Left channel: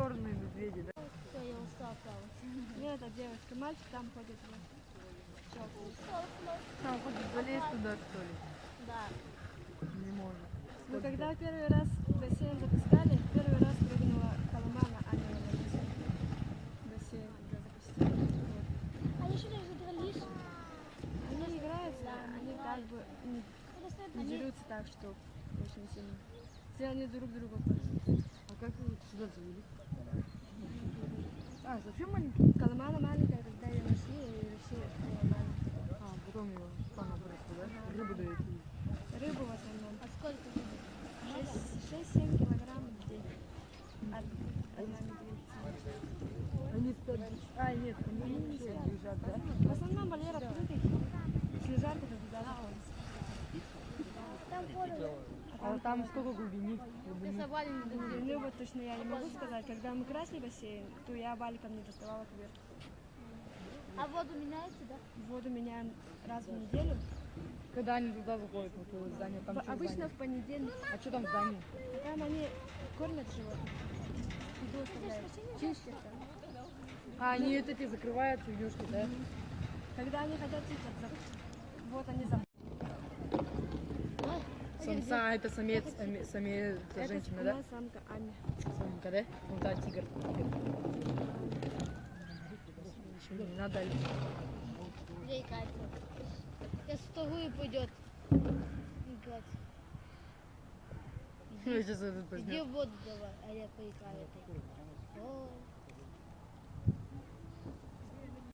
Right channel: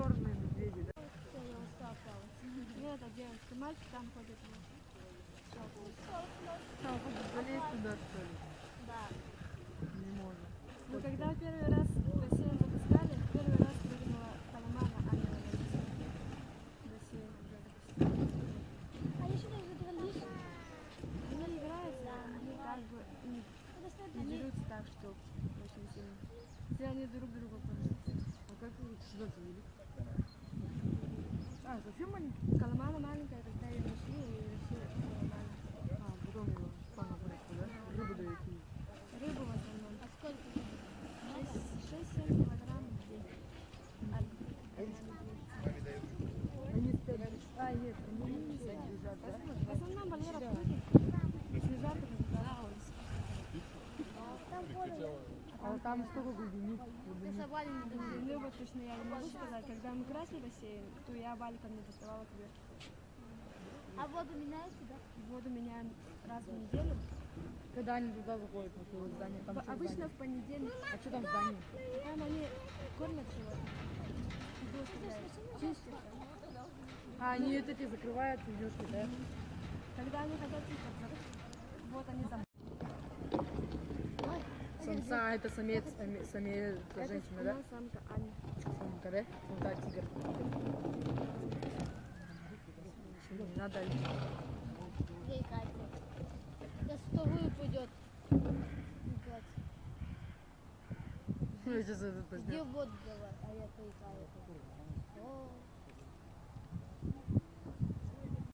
черные медведи, да? Все, я устал плавать. Нет, это девочка, мальчик там ходит. Там хочешь залезть туда, что ли? Да. Не можно. Ну, когда первый раз в бассейн запускали, первый раз прыгнула Коломана Анна на бассейн, когда запустили. Они что, задрались? Они не играются, они как бы не дерутся так, что очень сильно. Все они друг друга пользуются. А как вы сюда завели? А, совсем маленький? Коломана маленькая, когда ее нашли, и решили Коломана. А, потом его спана выросла, да? Рыбу дают. Рыбу в основном. А сколько? 6-7 килограмм в день. Одна медведица. Они спят. А, нет, они вообще лежат, да? В основном Валера прыгает, если жарко, то Там поле. А там сколько глубины? Ты собрали не думаю. ну вот точно я не могу сказать. Когда мы красили бассейн, то я валиком не доставала кверху. А воду меняете, да? Воду меняем раз в неделю. Когда они туда заходят, вот в здание, там что Обычно здание? в понедельник. А что там в здании? Там они кормят животных. Еду оставляют. Чистят. А, они вот эти закрывают ведёшки, да? Когда они хотят чиститься, вот они там. Самца, а это самец, самец, это женщина, да? Это самка Аня. Самка, да? Вот да, тигр. Не надо ли? Ей, Катя. Сейчас в вторую пойдет. Не плачь. Сейчас этот Иди возьмет. воду давай, а я поиграю.